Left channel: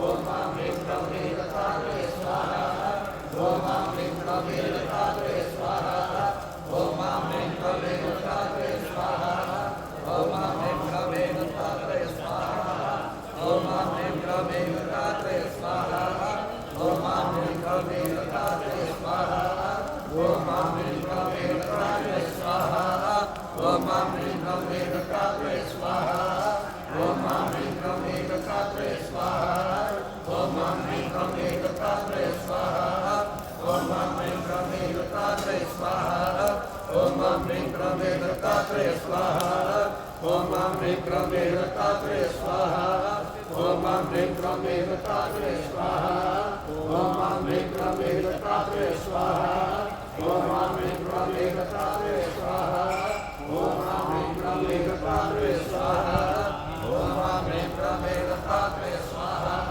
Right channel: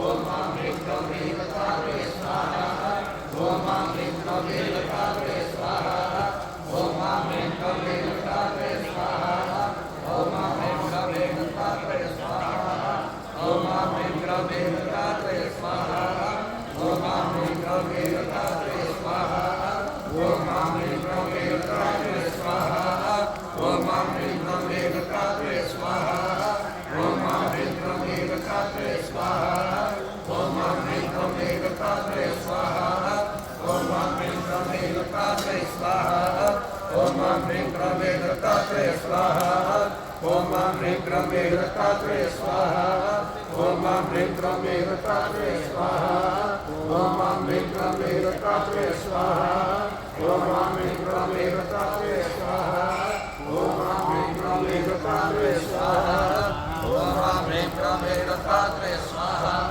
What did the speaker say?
Om Mam Rim Ram Rim Gatatre Swaha. Om Mam Rim Ram Rim Gatatre Swaha. Om Mam Rim Ram Rim Gatatre Swaha. Om Mam Rim Ram Rim Gatatre Swaha. Om Mam Rim Ram Rim Gatatre Swaha. Om Mam Rim Ram Rim Gatatre Swaha. Om Mam Rim Ram Rim Gatatre Swaha. Om Mam Rim Ram Rim Gatatre Swaha. Om Mam Rim Ram Rim Gatatre Swaha. Om Mam Rim Ram Rim Gatatre Swaha. Om Mam Rim Ram Rim Gatatre Swaha. Om Mam Rim Ram Rim Gatatre Swaha. Om Mam Rim Ram Rim Gatatre Swaha. Om Mam Rim Ram Rim Gatatre Swaha. Om Mam Rim Ram Rim Gatatre Swaha. Om Mam Rim Ram Rim Gatatre Swaha. Om Mam Rim Ram Rim Gatatre Swaha. Om Mam Rim Ram Rim Gatatre Swaha.